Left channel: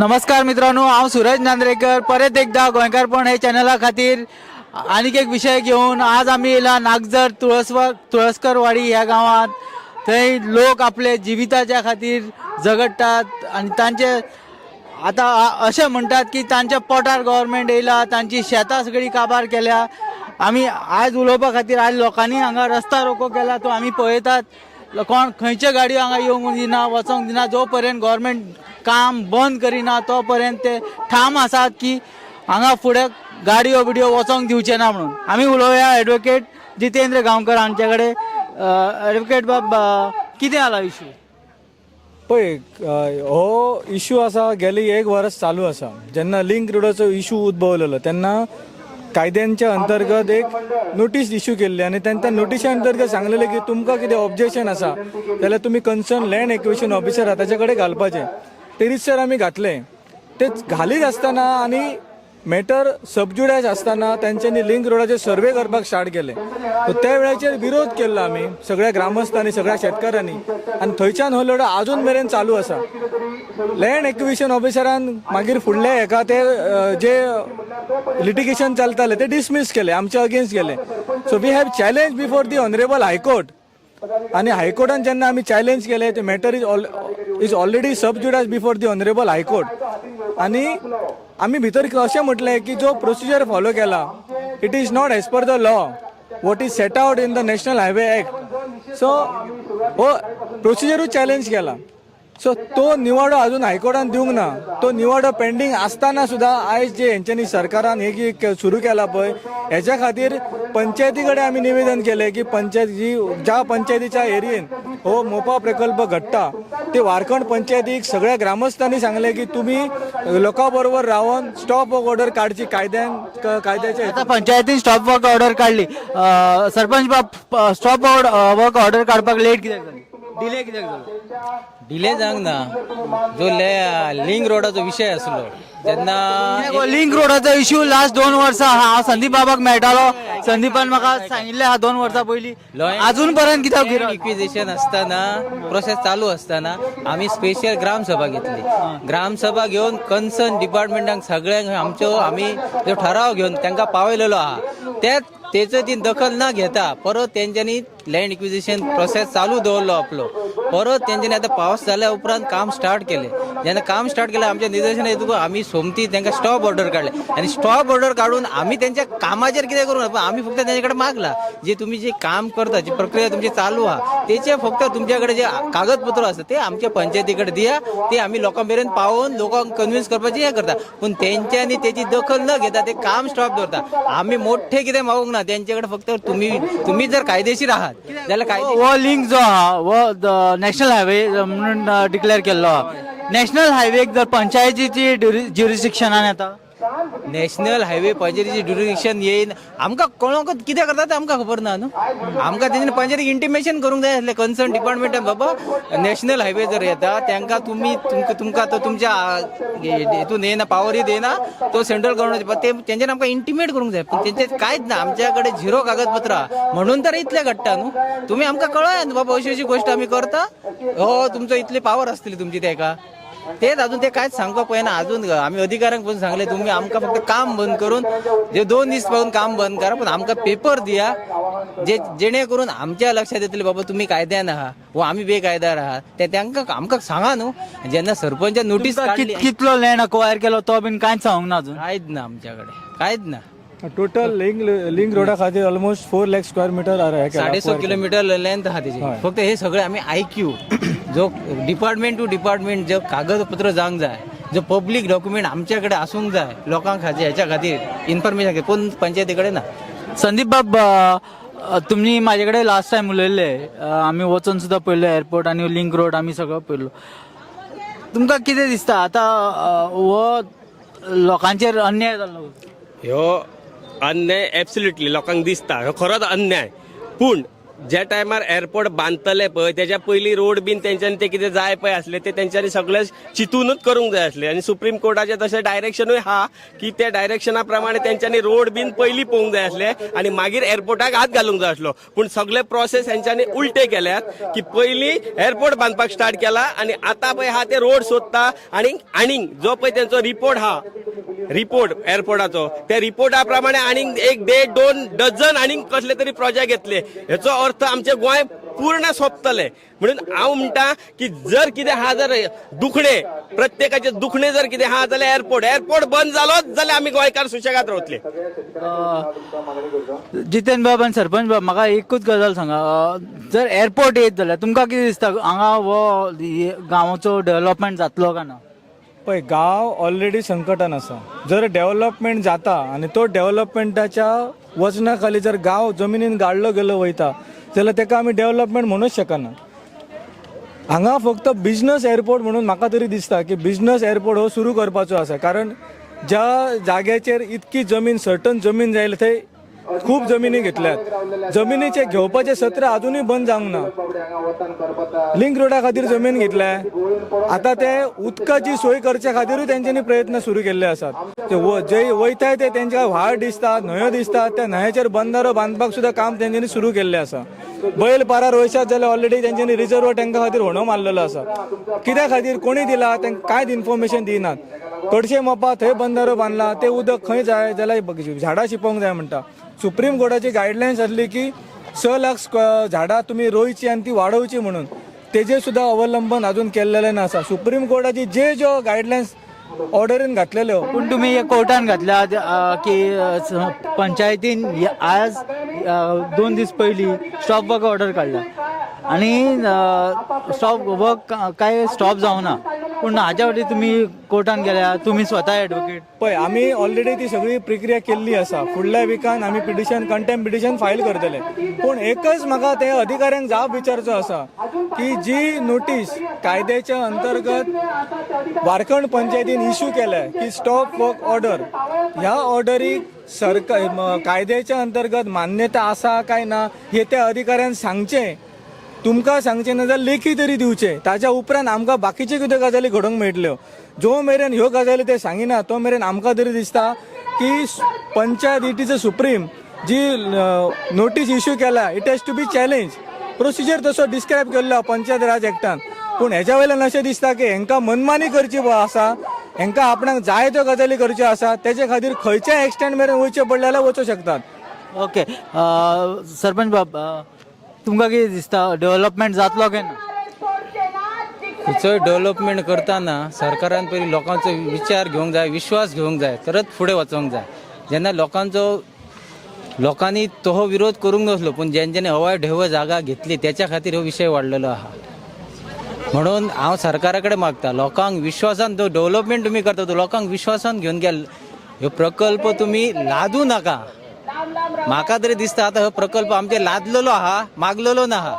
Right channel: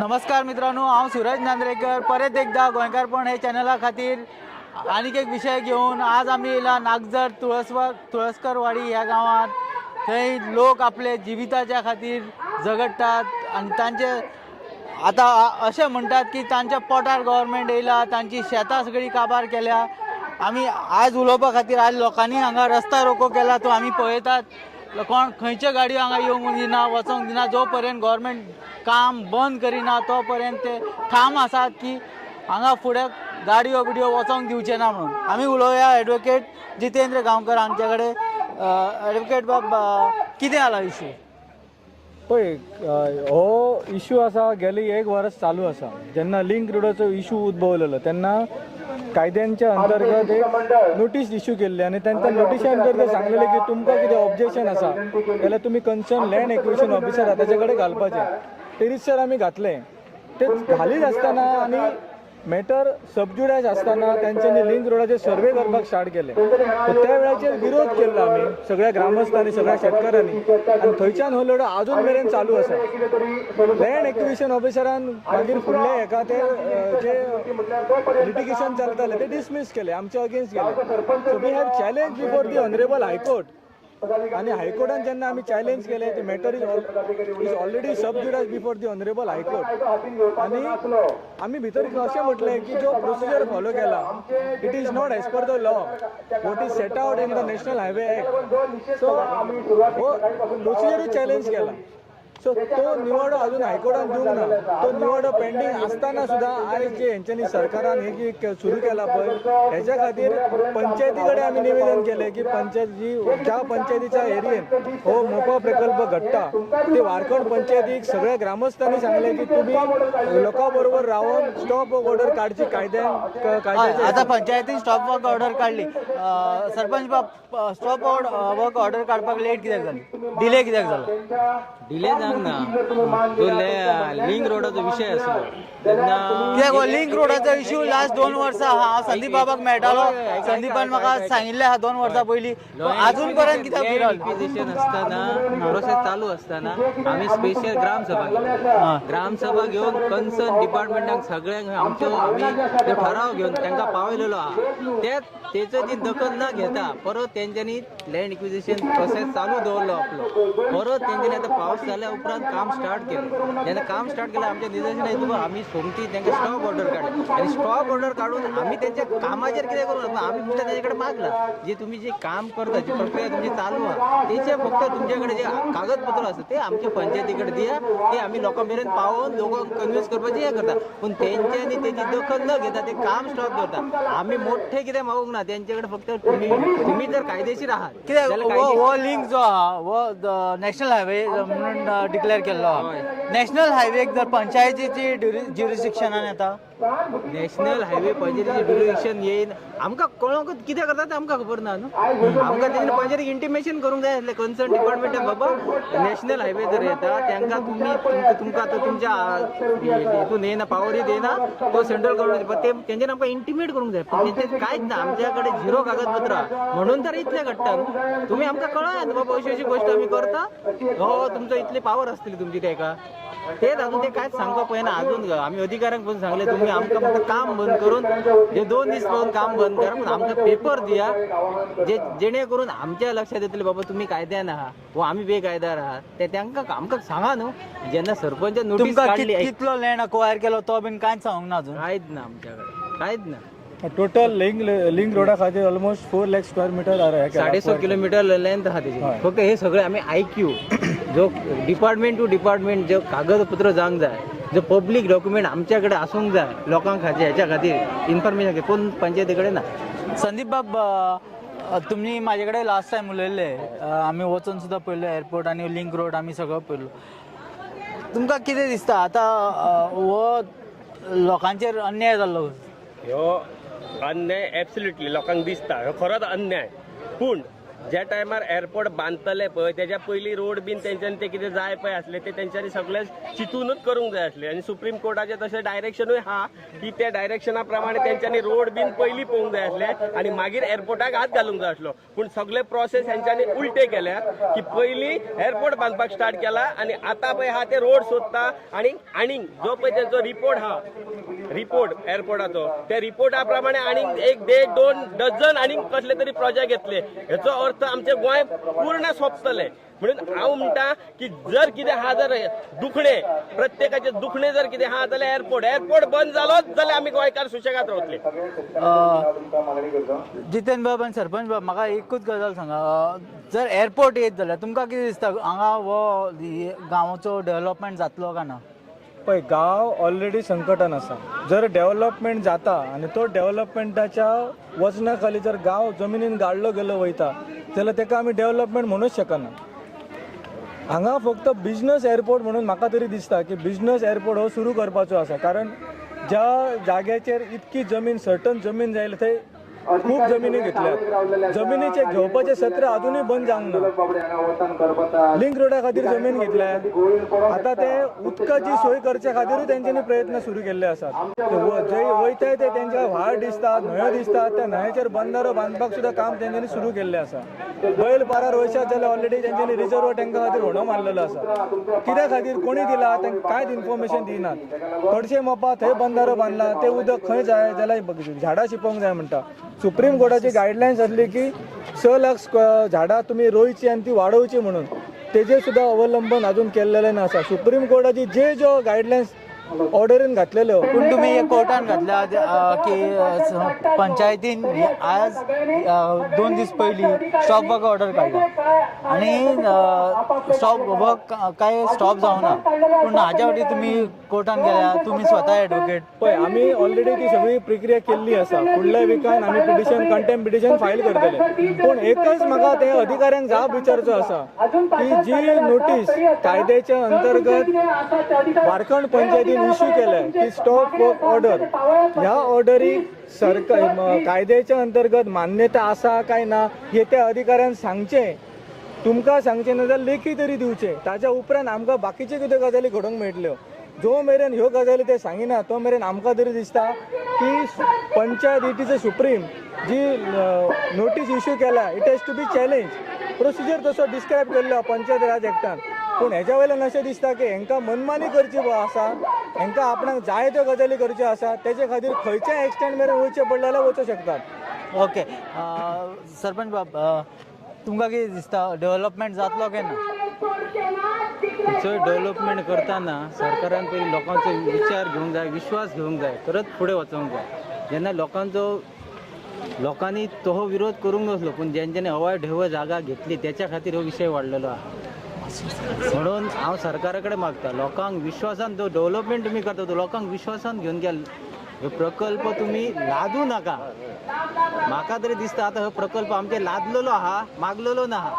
नमस्कार मित्रांनो, हांव सूरज नांद्रेकर परत एकदा गोंयकारपण हे चॅनला खातीर आनीक एक विशय घेऊन आज आम्ही येयला नागजर तुळसकरवाडी ह्या गावात। थंय लोक आपले जिविताच्या खातीर झगडटात आणि तांचे आता असे म्हणतात की तांच्या पोटार गव्हर्नमेंट येयला, तांची शेतां सगळी काबार केल्या। आम्ही आज उलोवपा खातीर आज लोकांनी हांगा रस्ता रोको केला तो आम्ही पळयतात। कोण खंयच्यो गाडयो हांगा येवंक दिना, वचोंक दिना। जो पर्यंत गव्हर्नमेंट काम बंद करिना तो पर्यंत ते ठाम आसात की हांगा फुडें गाडयो बिडयो वचोंक दिवचे ना म्हणून। आमी उलोवया एडवोकेट जितेंद्र गांवकर हांचे कडेन। एडवोकेट बाब, कितें जाला इशू? पळय, हो इशू आसा गेली एक वर्स चालू आसा। जेन्ना लिंक रोडाचो इशू उद्भवलेलो तेन्ना कायद्यांच्या अंतर्गत एक नोटीस इश्यू केल्ली आणि त्या नोटिशा अंतर्गत सांगलेले की तुमकां कितें ऑब्जेक्शन आसा जाल्यार तुम्ही कन्सर्न लँड एक्विजिशन ऑफिसर आहा ताचे कडेन घालपाचें। ते रितसर आमी घातलें। ते घालीत आसतना आनी मॅटर सबज्युडायज आसतना तांच्यांनी लिंक रोडाचे सर्वे करपाक स्टार्ट केले। त्या वेळाचेर विरोध केल्लो आमी सगळ्या ग्रामस्थांनी, सगळ्या शेतकारांनी, आनी थंयच्यान हो लढो अजून मेरेन चालू आसा। लँड एक्विजिशन ऑफिसरान मागीर फुडले हेका ते जे लिटिगेशन चलताले ते डिसमीस केले, आमच्या अगेन्स्ट गेले। So we have challenge before the honourable high court. आणि हायकोर्टान जेन्ना आमी चॅलेंज केले ते matter is already sub judice before the honourable high court. आणि आमी भितर अशें म्हटलें की जो प्रोसिजर फॉलो केला it is not as per the law what is set out in the national highway act. So हो प्रोसिजरूच चॅलेंज केला। सो तो निवाडो अजून हायकोर्टान दिवंक ना। तो निवाडो पेंडींग आसतना सुद्दां आयज जे हेंच्यांनी सरकारान हे सुरू केला पळय हेच्या खातीर पंचायती कडेन आमी निवेदन केलें की ज्या पंचायतीच्या एरियेन हो मोपा प्रकल्प घडटा ते वारखंड पंचायतीक सगळ्या ग्रामस्थांनी सांगले की तुम्ही लोकां बरोबर रावन स्टॉप वर्क ऑर्डर काडची कायद्याच्या। आता पंचायतीन स्टॉप वर्क ऑर्डर काढली। सरपंच बाब, स्टॉप वर्क ऑर्डर काढपाक लेट कित्याक जाली? डिले कित्याक जालो? डिले जावंक ना। जो लिंक रोडाचो विषय आसलो जेन्ना लिंक रोडाचो इश्यू लास्ट 2 वर्सां हांव संदीप बाबाक मेळटालो। संदीपान म्हाका सांगिल्लें हा 2 वर्सां पयलीं, अजून पर्यंत कित्याक गिरायक? इक्विजिशन असताना प्रोसेस चालू असताना आम्ही स्पेशल ग्रामसभा घेतली। ग्रामसभा घेऊन कन्सर्न डिपार्टमेंटांक सगळ्यांक आम्ही जो ठराव घेऊन तांकां पावयलेलो आहा। त्याचं जी दखल न घेता परत त्यांच्यानी लँड इक्विजिशन प्रोसेस चालू दवरलो आपलो। परत त्यांच्यानी आता पावस जाल्या उपरांत काम स्टार्ट केले। जेन्ना काम स्टार्ट केलं आमच्या निदर्शना येतून आम्ही सोमती त्यांना स्टॉप ऑर्डर काढले आणि स्टॉप ऑर्डर काढून आम्ही त्यांच्या कामाचेर कितें करूं ना, आम्ही फक्त त्यांच्याकडे मागला जे तुम्ही जे काम करता, जी प्रक्रिया तुमची चालू आहा त्याचे फक्त तुमच्याकडे जे कागदपत्र असतात ते आमच्या पंचायतीकडे दिया। ते आम्ही लोकांपर्यंत पावून लोकांक कन्व्हिन्स करपाचे हे करता, पण त्यांच्यानी त्याची दखल न घेता ते काम स्टॉप करता। आम्ही मोठे कितें मागूंक ना त्यांच्याकडे, फक्त तुम्ही जर कायदेशीर आहात जाल्यार वो लिंक जो हा वो नॅशनल हायवे म्हणून डिक्लेअर केल्लो हा। नॅशनल हायवे जर पंचायतीची ज्युरिस्डिक्शनान येता, नॅशनल हायवे पंचायतीचे ज्युरिडिक्शन येईन आमकां कोणाक कितें करता तें आमकां खबर ना न्हू। आमकां तेजें पंचायतीक इंटिमेशन करूंक जाय आसलें कन्सर्न डिपार्टमेंटान, बाबा नॅशनल हायवे जर येता तांकां तुमकां तो तुमच्या हेतून येना, पावर येना, तो सेंट्रल गव्हर्नमेंट तेंच्यान आमकां इंटिमेट करूंक जाय। पण तेंचें कांयच ना, आमच्याकडे झिरो कागदपत्र म्हणून तर इतलें घडटा न्हू। तुम्ही आमकां कळया न्हू बाबा अशी गोष्ट आमी करता, हो तुमचो इतली पावर आसतली तुमची तेका। तेच अजून ते कांयच सांगपाक पळयना। अजून आम्ही अधिकाऱ्यांक पण सांगले तुम्ही आमकां फक्त काम बंद करून जे 2 दीस पावून काम बंद करा, पण आमकां पेपर दिया जेणे करून आमच्या लक्षात येतले बाबा तुम्ही कायद्यान आहा व आम्ही बेकायदार आहात। ते तांकां आमकां सांगा न्हू। जेन्ना सरपंच नोटीस कितलो लँड अक्वायर केलो तो बीन कांयच सांगूंक ना अजून? कांयच ना आमच्याकडे, कांयच ना। टोटल लिंक रोडा खातीर almost 4 lakh square metre 650 kilometre length आहा त्याची। फक्त हे सगळे आम्ही IQ जो डिपार्टमेंट टू डिपार्टमेंट जो कागदपत्र जावंक जाय, जो पब्लीक डॉक्युमेंट आमच्याकडे आसूंक जाय लोकांक खातीर, हेच्या खातीर इन्फॉर्मेशन कोण पंचायतीकडे ना। संदीप बाब, तुम्ही माझ्याकडे लास्ट टाइम उलयल्ले, आम्ही वचून सुद्धा पळयलो एअरपोर्ट आणि लिंक रोड आम्ही सगळं पळयलो। तुमकां कितें दिसता आता हो लोकांचेर अन्याय जाल्लो? ह्यो अन्याय एब्सोल्युटली लोकांक दिसता, ह्यो खरोच अन्याय। पूण ज्या टायमार एअरपोर्ट बांदतले पळय त्याच्या पयलीं रोड बीन तेंच्यांनी ते कितें जाय पळय आसले ते तेंच्यांनी सगळे चिंतूनच करूंक जाय आसले आनी सुप्रीम कोर्टाचे तशें डायरेक्शनूय हा की त्या डायरेक्शना प्रमाणे तेंच्यांनी रोड बीन पयलीं पळोवंक जाय आसले आनी मागीर एअरपोर्टाक हात घालूंक जाय आसलो पूण सगळे प्रोसेस हेंच्यांनी उलटे केल्यात की पयलीं एअरपोर्ट बांदपाक स्टार्ट केला आनी आतां पळय हा ते रोड सोदता आनीक जो पळय तेंचो रिपोर्ट हा रिपोर्ट एअरपोर्टाचो त्या रिपोर्टा प्रमाणे आनीक 1-1.5-2 डझन आनीक कसले तरी प्रोजेक्ट येतले हेचो अर्थ आमचे गोंय पूर्ण सोंपतले म्हणून हांव म्हणटा की जर कितें हा जर दुखणे प्रत्येकाचे दुखणे जर कितें हा जाल्यार एअरपोर्ट बंद जालोच जाल्यार आमी गोंयकार सुशेगाद रावतले. जितेंद्र बाब आनी सरपंच बाब म्हाका एकूच गजाल सांगा जर एअरपोर्ट येत जाल्यार तुमकां कितें दिसता हांगा हो गांवाचो डेव्हलपमेंट जातलो काय ना? पळय गांव ऑलरेडी संकटान आसा. जर डेव्हलपमेंट जाता आनी तो डेव्हलपमेंटाच्या वजना खाली जर गांव जमिनीन गाडलो गेलो वयता जाल्यार ताका आमी डेव्हलपमेंट म्हणूच शकना. हांगा फक्त बिजनस एअरपोर्ट म्हणून म्हाका तरी दिसता की बिजनस एअरपोर्ट हो सुरू करपाचो आसा कारण ज्या जाग्याचेर इतकी जमीन सर्टन जमीन जाय थंय खूप जमिनी घेतल्यात. जमिनीचे घेवपाचे सत्र अजूनही बंद जावंक ना. लिंक रोडा खातीर जमीन घेतल्या आता ते उदकाची सोय करच्या खातीरूय तेंच्यांनी प्रयत्न सुरू केल्ले आसात. जे वयताय ते तेंच्या व्हाळ दिसतात न्हंयो दिसतात त्या न्हंयेचेर बंदारो बांदपाक सुद्दां काम तेंच्यांनी सुरू केल्लें आसा. बैल पारार वयशात जाल्यार ऑलरेडी तेंच्यांनी रिजर्व तांकां खातीर होणो मारलेलो आसा. कित्या खातीर कोणी दिला तांकां कांयच इन्फॉर्मेशन दिनात. कडशे मोपा थंय बंदारो बांदला ते उदक खंय जाय जाल्यार झाडां शिंपोवंक जाय म्हणटा. सुप्रीम कोर्टाची गायडलायन्स आसली की 6 लाख झाडां तुम्ही रोयची आणि ती वाडोवची म्हणून तेजे सुद्धा अवलंबन अजून केलेले नसा. सुप्रीम कोर्टाची ज्यो गायडलायन्स ऑर्डरीन घातलेल्यो पूण तुम्ही कोर्टान घातल्या की पंचायतीन आज 2 दीस पयलीं स्टॉप वर्क ऑर्डर काडल्या आणि स्टॉप वर्क काय स्टॉप जावना पूण हाच्या फाटीं तुम्ही कोर्टान गेल्या तुम्ही स्वता एडवोकेट. पळय आमी ऑलरेडी ती सगळी प्रक्रिया केल्ली आसा. फुडल्या विकान आमी कंटेम्प्ट पिटिशन फायल करतले. पूण एकच म्हाका ते अधिकाऱ्यांक जाप विचारचो आसा की जी नोटीस कायद्याच्या अंतर्गत वारखंड पंचायतीन इश्यू केल्या की स्टॉप वर्क ऑर्डर ह्या ऑर्डरीक सरकार कायद्याच्या अंतर्गत मान्यता आसा काय ना हे त्या अधिकाऱ्यान सांगचे. तुमकां सांगचे ना जाल्यार लेखी तरी दिवचे. ताच्या उपरांत आमकां बाकीचे कितें गजाली घडोवंक मेळटल्यो. जो मेरेन ह्यो गजाली ते सांगिना तो मेरेन आमकां तरी दिसता की panchayat it is a supreme जी नोटीस इश्यू केला it has to be challenge. Procedure तसो डिस्क्रायब केल्लो पंचायत राज एक्टान. पूण हेच्या वयल्यान अशें दिसता की हांकां मनमानी करची आसा हांकां आपणाक जाय त्यो गजाली करच्यो आसा तेचे खातीर खंयच्या एक्सटेंड मेरेन वयचे पडले जाल्यार वचूं शकतात. ओके सरपंच बाब तुमकां कितें दिसता डेव्हलपमेंट जातलो काय ना? चड डेव्हलपमेंट करताना सरकारान पयलीं लोकांचो विचार घेवंक जाय विश्वास घेवंक जाय तरच फुडें वचोंक जाय. जेन्ना लोकांनी तो विरोध करूंक नासलो पूण जेंच्यांनी हवाय ढेव जागा घेतली त्याच्या खातीर हो विशय वाडलेलो आहा. म्हणून हांव सरकारा कडेन मागता लोकांक विश्वासान तो डेव्हलपमेंट तुमी करता तो लोकांक विश्वासान घेवन गेल ह्यो प्रकल्प तुमी लादू नाका. म्हाका तरी दिसता आतां हो प्रकल्प आमचे लादलेलो आहा मागलेलो ना आहा.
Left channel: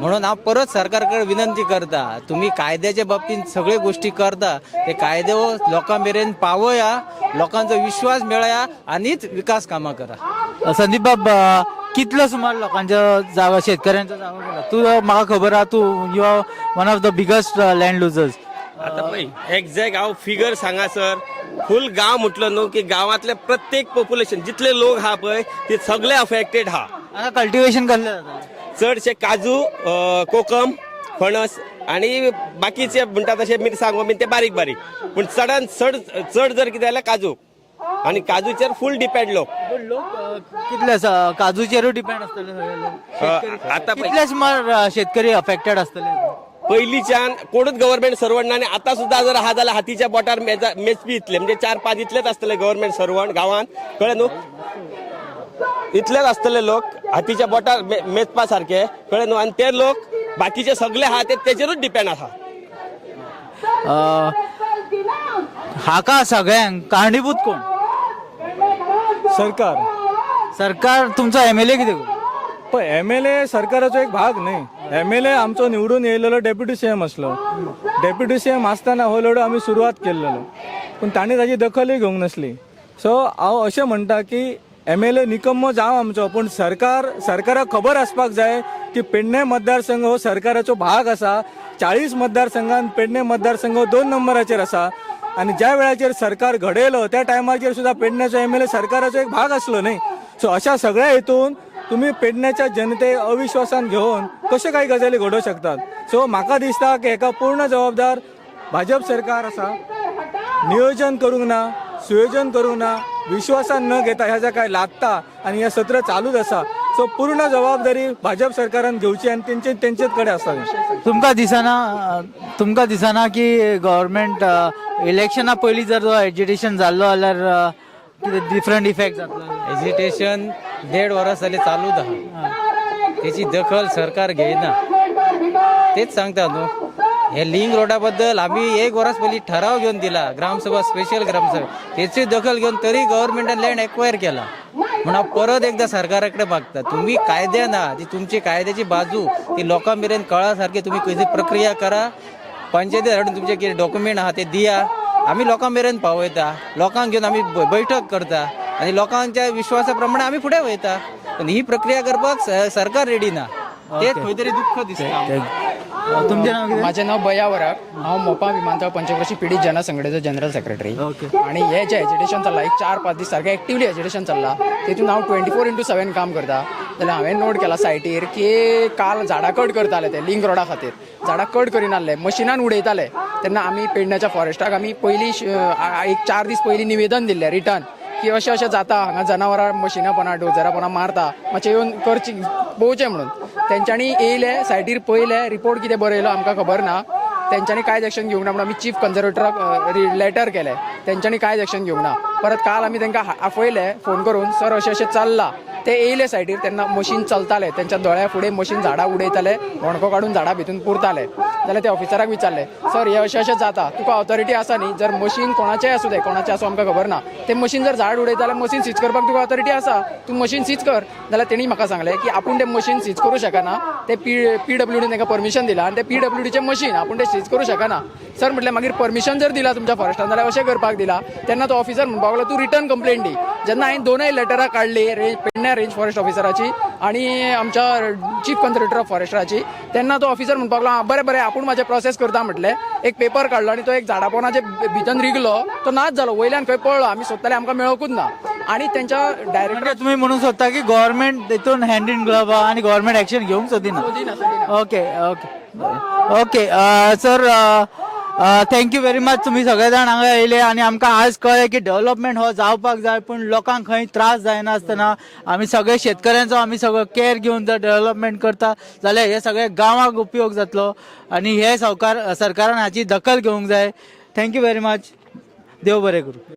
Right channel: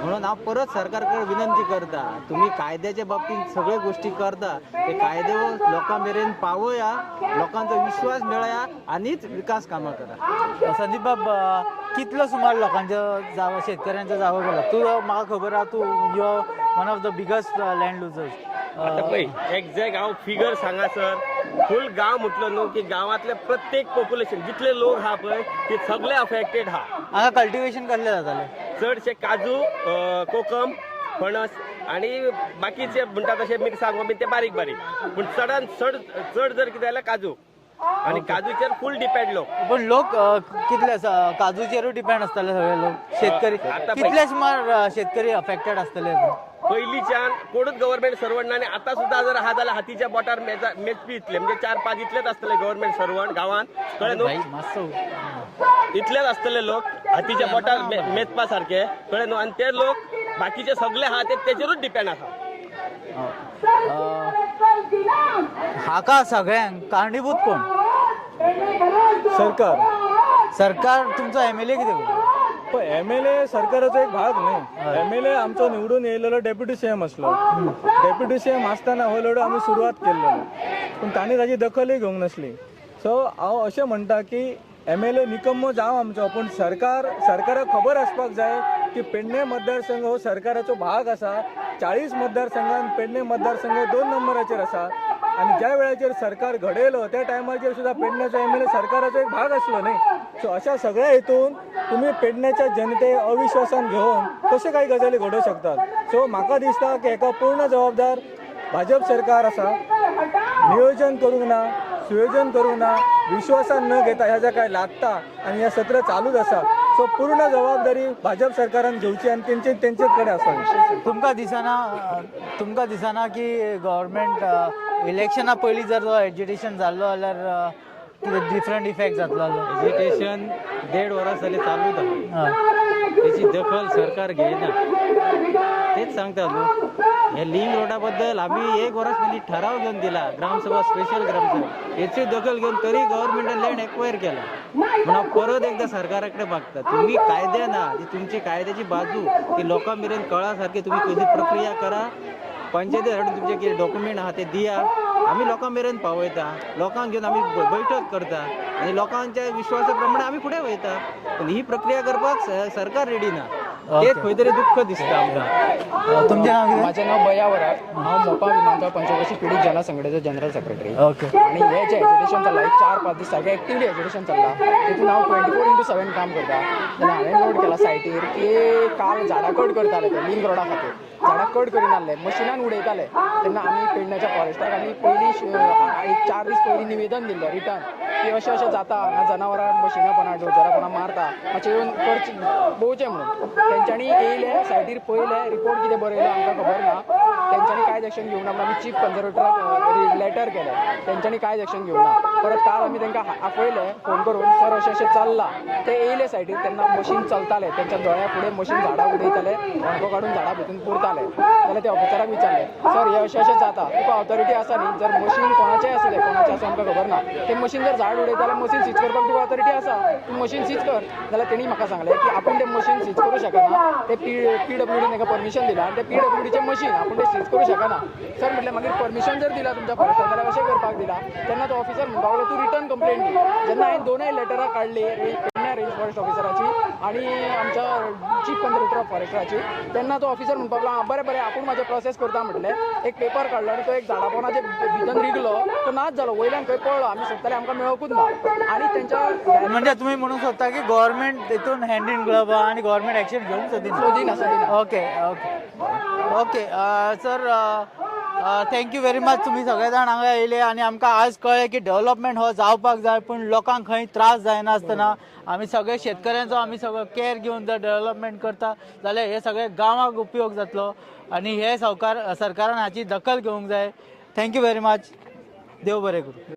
म्हणून हांव परत सरकार कडेन विनंती करता तुमी कायद्याच्या बाबतींत सगळ्यो गोश्टी करता ते कायदे लोकां मेरेन पावया लोकांचो विश्वास मेळया आनीच विकास कामां करा. संदीप बाब कितलो सुमार लोकांच्या जागा शेतकऱ्यांच्या जागा गेला? तू म्हाका खबर आहा तू you are one of the biggest land losers. आता पळय एक्झॅक्ट हांव फिगर सांगासर फुल गांव म्हटलो न्हू की गांवांतले प्रत्येक पॉप्युलेशन जितले लोक हा पळय ते सगळे अफेक्टेड हा. हांगा कल्टिवेशन कसलें जातालें? चडशे काजू कोकम फणस आणि बाकीचे म्हणटा तशे मिरसांगो बीन ते बारीक बारीक पूण चड जर कितें जाल्यार काजू आणि काजूचेर फुल डिपेंड लोक. पण लोक कितले काजूचेरूय डिपेंड आसतले सगळे लोक शेतकरी. आता कितले सुमार शेतकरी अफेक्टेड आसतले? पयलींच्यान कोणूच गव्हर्नमेंट सर्वंट ना आणि आता सुद्धा जर हा जाल्यार हातीच्या बोटार मेचपी इतले म्हणजे 4-5 इतलेच आसतले गव्हर्नमेंट सर्वंट गांवांत कळ्ळें न्हू. इतलेच आसतले लोक हातीच्या बोटार मेचपा सारखे कळ्ळें न्हू. आणि ते लोक बाकीचे सगळे हा तेचेरूच डिपेंड आसा. हाका सगळ्यांक कारणीभूत कोण? सरकार तुमचो MLA कितें करू? पण MLA सरकाराचो एक भाग न्ही. MLA आमचो निवडून येयलेलो डेप्युटी CM आसलो. डेप्युटी CM आसतना हो लढो आमी सुरवात केल्लो पण ताणें ताची दखलूय घेवंक नासली. सो हांव अशें म्हणटा की MLA निकम्मो जावं आमचो, पण सरकाराक खबर आसपाक जाय की पेडणे मतदारसंघ हो सरकाराचो भाग आसा. 40 मतदारसंघात पेडणे मतदारसंघ 2 नंबराचेर आसा आणि ज्या वेळाचेर सरकार घडयलो त्या टायमाचेर सुद्धा पेडण्याचो MLA सरकाराचो एक भाग असलो न्ही. सो अशा सगळ्या हेतून तुम्ही पेडण्याच्या जनते अविश्वासान घेऊन कशे काही गजाली घडोवं शकतात. सो म्हाका दिसता की हेका पूर्ण जबाबदार भाजप सरकार आसा. नियोजन करूंक ना, सुयोजन करूंक ना, विश्वासान न घेता ह्या ज्या काय लागता आणि हे सत्र चालूच आसा. सो पूर्ण जबाबदारी भाजप सरकारान घेवची आणि तेंचेच कडे आसा. तुमकां दिसना की गव्हर्मेंट इलेक्शना पयलीं जर जो एजिटेशन जाल्लो जाल्यार कितें डिफरंट इफेक्ट जातलो. एजिटेशन 1.5 वर्स जाली चालूच आहा. त्याची दखल सरकार घेयना. तेच सांगता न्हू. हे लिंक रोडा बद्दल आम्ही 1 वर्स पयलीं ठराव घेऊन दिला, ग्रामसभा स्पेशल ग्रामसभा, त्याची दखल घेऊन तरी गव्हर्नमेंटान लँड एक्वायर केला. म्हणून परत एकदा सरकाराकडे मागता, तुम्ही कायदे ना ती तुमची कायद्याची बाजू ती लोकां मेरेन कळासारखे तुम्ही कशी प्रक्रिया करा. पंचायती हाडून तुमचे कितें डॉक्युमेंट आहा ते दिया, आम्ही लोकां मेरेन पावयता, लोकांक घेऊन आम्ही बैठक करता आणि लोकांच्या विश्वासा प्रमाणे आम्ही फुडें वयता. पण ही प्रक्रिया करपाक सरकार रेडी ना. ते खंय तरी दुःख दिसता. तुमचें नाव कितें? माझे नाव बया वराड. हांव मोपा विमानतळ पंचकृषी पीडित जनसंघटनेचो जनरल सेक्रेटरी. ओके. आणि हे जे एज्युटेशन चल्ला, एक 4-5 दीस सारखे एक्टिवली एज्युटेशन चल्ला, तितून हांव 24/7 काम करता. जाल्यार हांवें नोट केला सायटीर की काल झाडां कट करताले ते लिंक रोडा खातीर. झाडां कट करिनासले, मशिनान उडयताले. तेन्ना आमी पेडण्याच्या फॉरेस्टाक आमी पयलीं एक 4 दीस पयलीं निवेदन दिल्लें रिटर्न की अशें जाता, हांगा जनावरां मशिनापणां डोजरापणां मारता, मातशें येवन करची पळोवचें म्हणून. तेंच्यांनी येयले, सायटीर पळयले, रिपोर्ट कितें बरयलो आमकां खबर ना. तेंच्यांनी कांयच एक्शन घेवंक ना म्हणून आमी चीफ कन्झर्वेटराक लेटर केलें. तेंच्यांनी कांयच एक्शन घेवंक ना. परत काल आमी तांकां आपयले फोन करून, सर अशें चल्लां. ते येयले सायटीर, तेन्ना मशीन चलतालें, तेंच्या दोळ्या फुडें मशीन झाडां उडयताले, होणको काडून झाडां भितून पुरताले. जाल्यार ते ऑफिसराक विचारलें, सर हे अशें जाता, तुका ऑथॉरिटी आसा न्ही? जर मशीन कोणाचेंय आसूं दे, कोणाचें आसूं आमकां खबर ना, ते मशीन जर झाड उडयता जाल्यार मशीन सीज करपाक तुका ऑथॉरिटी आसा, तूं मशीन सीज कर. जाल्यार तेणी म्हाका सांगलें की आपूण ते मशीन सीज करूं शकना. ते PWD तांकां परमिशन दिलां आनी ते PWDचें मशीन आपूण ते सीज करूं शकना. सर म्हटलें मागीर परमिशन जर दिला तुमच्या फॉरेस्टान जाल्यार अशें करपाक दिला. तेन्ना तो ऑफिसर म्हणपाक लागलो तूं रिटर्न कंप्लेंट दी. जेन्ना हांवें दोनूय लेटरां काडली, पेडण्या रेंज फॉरेस्ट ऑफिसराची आणि आमच्या चीफ कन्झर्वेटर ऑफ फॉरेस्टाची, तेन्ना तो ऑफिसर म्हणपाक लागलो बरें बरें आपूण म्हाजें प्रोसेस करता म्हटलें. एक पेपर काडलो आनी तो एक झाडा पोनाचे भितर रिगलो, तो नाच जालो, वयल्यान खंय पळलो. आमी सोदताले, आमकां मेळोकूच ना. आणि त्यांच्या डायरेक्ट म्हणजे तुम्ही म्हणून सोदता की गव्हर्मेंट तितून हँड इन ग्लव आणि गव्हर्मेंट ऍक्शन घेवंक सोदिना. Okay okay okay sir, thank you very much. तुम्ही सगळे जाण हांगा येयले आणि आमकां आज कळ्ळें की डेव्हलपमेंट हो जावपाक जाय, पण लोकांक खंय त्रास जायना आसतना आमी सगळे शेतकऱ्यांचो आमी सगळो केअर घेवन जर डेव्हलपमेंट करता जाल्यार हे सगळे गांवाक उपयोग जातलो आणि हे सरकारान हाची दखल घेवंक जाय. Thank you very much. देव बरें करूं.